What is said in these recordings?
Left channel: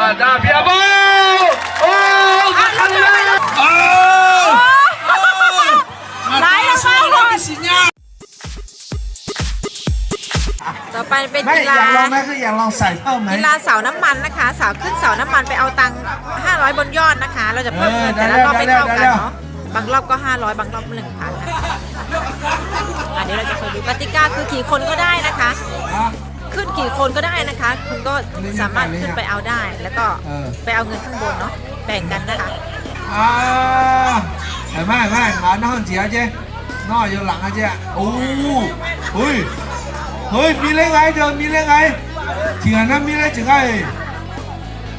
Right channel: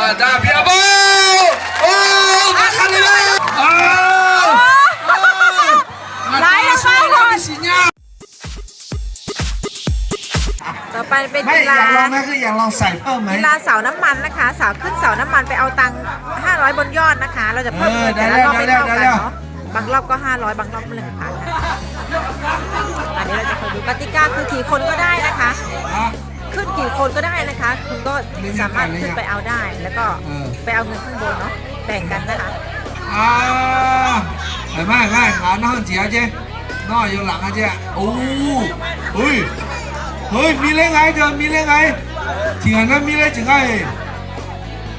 มาดาเพียโบโอ้อะแล้วกลับไปดูอ้าไหลลงมาหมดสิเนี่ยต่อไปเป็นไม่กีอยาฬากลองนะคืออยากลองใส่เพิ่มไหมกีฬาเสาน้ำมันนะคะ เสาขึ้นเสาน้ำมันไปเอาตังค์500 บนยอดนะคะ เราจะเพิ่มเงินเออแต่ละรอบได้ไม่เท่ากันได้เนาะ บางรอบก็ 500 บางรอบ1,000นะคะอันนี้เราจะคอยดูกติกาคือกี่คนก็ได้นะคะ ขึ้นกี่คนก็ได้นะคะ คุณก็สามารถขึ้นไปเอาได้ แล้วก็เออไปเอาเงินข้างบนเนาะแบ่งกันนะคะอ่าเห็นไหมเห็นไหมงานนั่งจีอาเจ้นอกอยู่หลังอาเจ้โอ้เฮ้ยเฮ้ยมีเรื่องไงเธอมีเรื่องไงจริงอะนั่นมีเรื่องจริงไง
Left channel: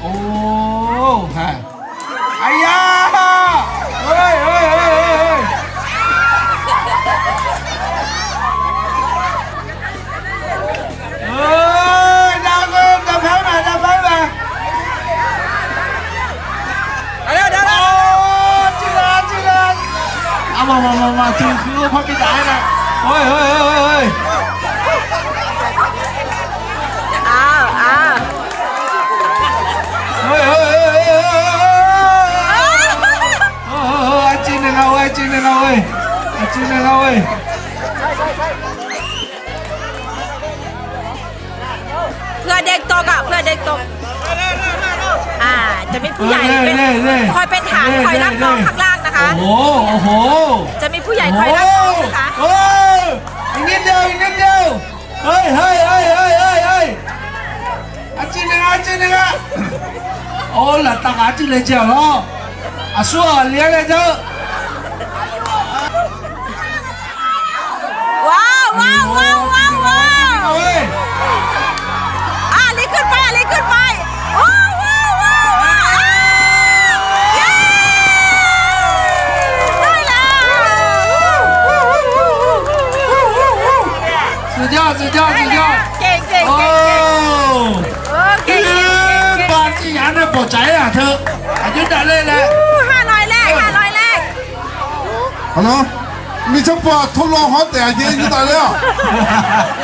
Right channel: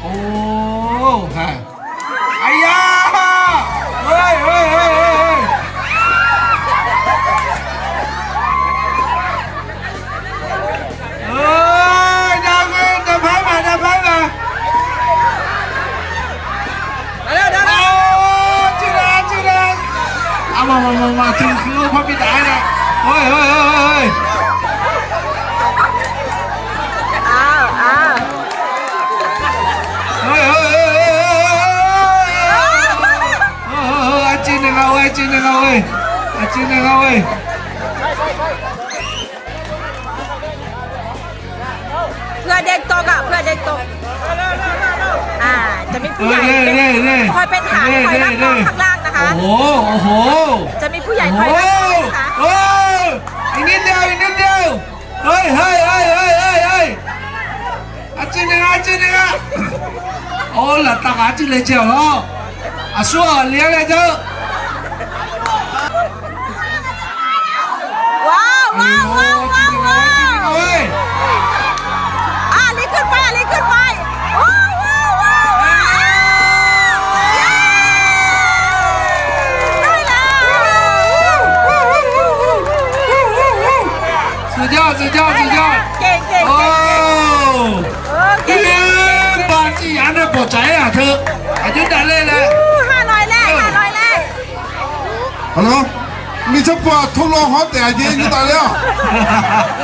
โอ้ เฮ้ยเฮ้ยเฮ้ยเฮ้ยอ้าวอ้าวเฮ้ยเฮ้ยเฮ้ยเฮ้ยเฮ้ยเฮ้ยจีนนะครับเว้ยจีนนะครับเว้ยจีนนะครับเว้ยเพื่อเด็กตกอะเพื่อเด็กตกอ่าจะมีผู้ใหญ่เป็นคอยเป็นฐานคอยรับน้องข้างล่างนะคะโอ้โหโอ้โหจะมีผู้ใหญ่คอยรับน้องนะคะ anh em đều anh em đều. Hey hey hey hey hey, ơi. Achi nè achi nè ô là tặng achi lên chèo đó. À xua à, liền lên 好了，你这不头脑好点睛，你咋的？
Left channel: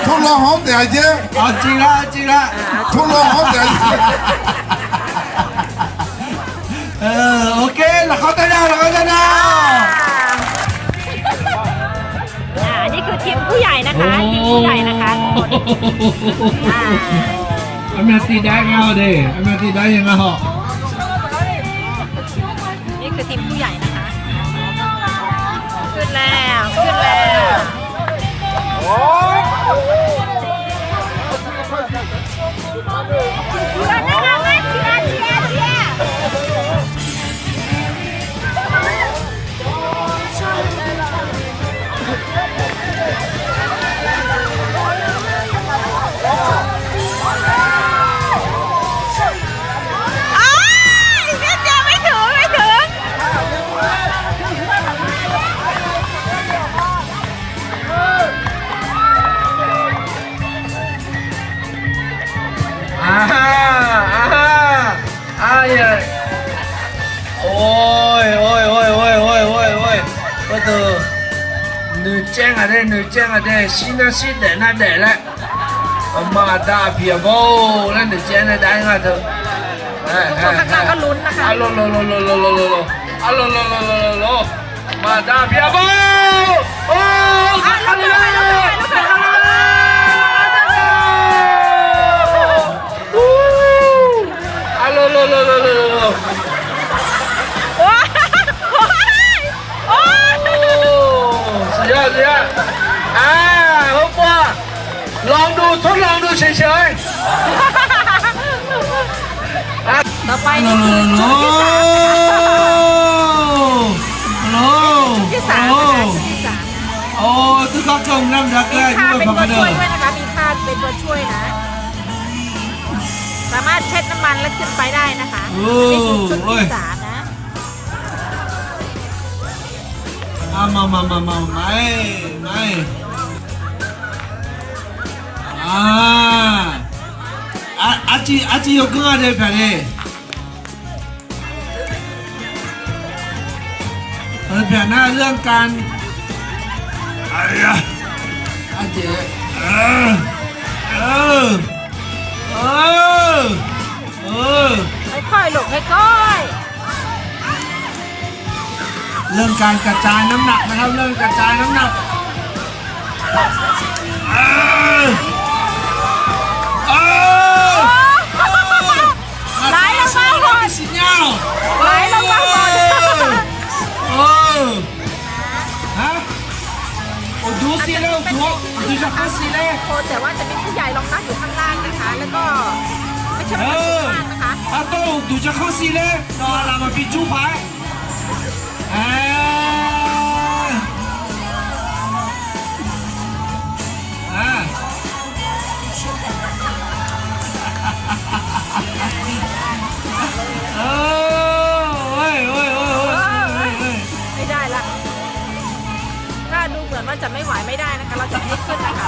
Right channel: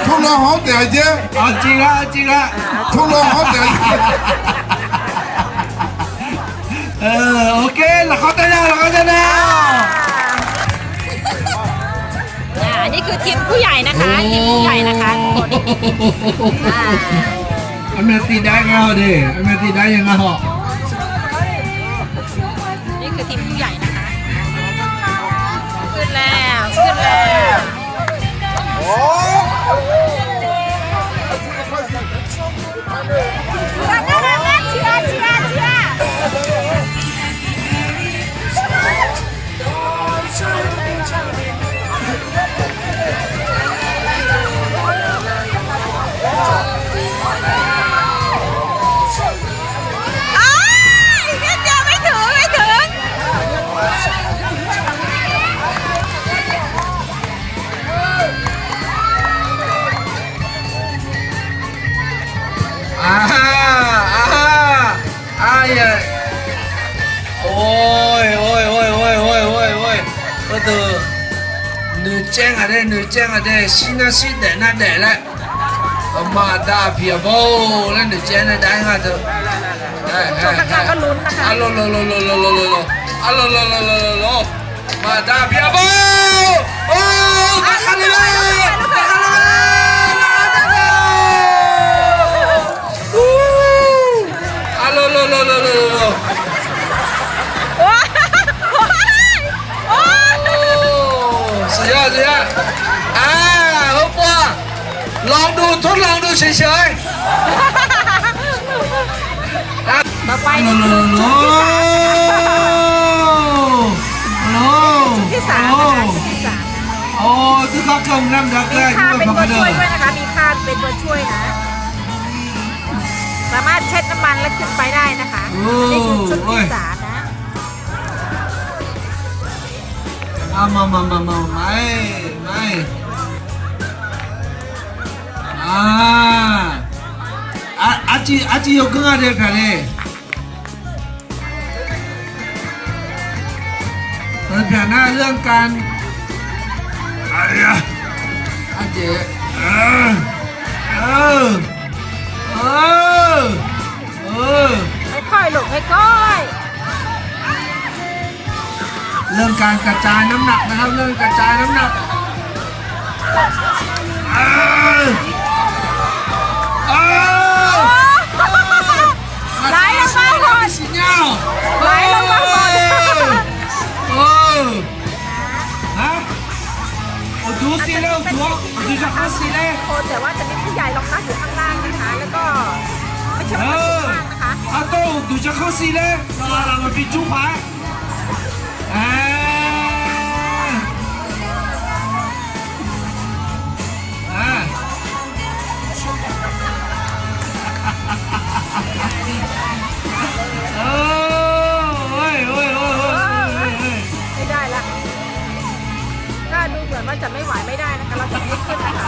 ง脑好点睛，啊，进来进来，头脑好点睛。呃，OK，เลยทุลวเขาเต้นแล้วแล้วเขาเต้นแล้วขอ่านี่คือทีมผู้ใหญ่นะคะทีมผู้ใหญ่นะคะคนอ่าอเมตีได้เงาดิอเมตีได้ยังไงเหรอนี่คือทีมผู้ใหญ่นะคะ ขึ้นแล้ว ขึ้นแล้ว 的女将啊的女将啊的，新的新的那的了，我妈大撇ไ，那女将的单啊的。ทุกคนข้างล่างก็ลุ้นนะคะอะโลโลโลโลโลโลโลอะโลโลโลโลโลมาดาเพียโบโอ้อะลุกขึ้นไปลุกขึ้นไป ยเสียอ่าฮบว่าลองดูทดลองดูเฉยๆต่อไปนี่คือชุดที่สามนะคะชุดที่สามนะคะชุดที่สามนะโอ้ที่เขาเกินน้ำดักมีผ้าเป็นตัวช่วยด้วยนะคะ มีผ้าเป็นตัวช่วยนะ สามารถเช็ดน้ำมันแล้วขึ้นไปได้นะคะนี่คือชุดที่สามนะ ஆமா ஆமா ஆமா ஆமா நாய் நாய் ஆச்சி ஆச்சி யோகமா இருக்காரு ผมเปลี่ยนหน้าเรื่องการอาเจ๊ เริ่มการกระจายน้ำหนักนะครับ เริ่มกระจายน้ำหนักไหลลงมาหมดไหลลงมาหมดโอ้ฮะโอ้ดูสิแล้วหัวดูสภาพสิแล้วโคแต่ว่าจะมีผู้ใหญ่รองรับอยู่ข้างล่างนะคะ แล้วก็ไม่ใช่ว่าจะสูงมากนะคะอาโต้ดูจะเข้าสิเล้เรามาปิดจู้พาย ไม่ได้ละถ้าดูเหมือนว่าจะไม่ไหวไม่ได้นะคะ เราจะไม่ขึ้นนะคะ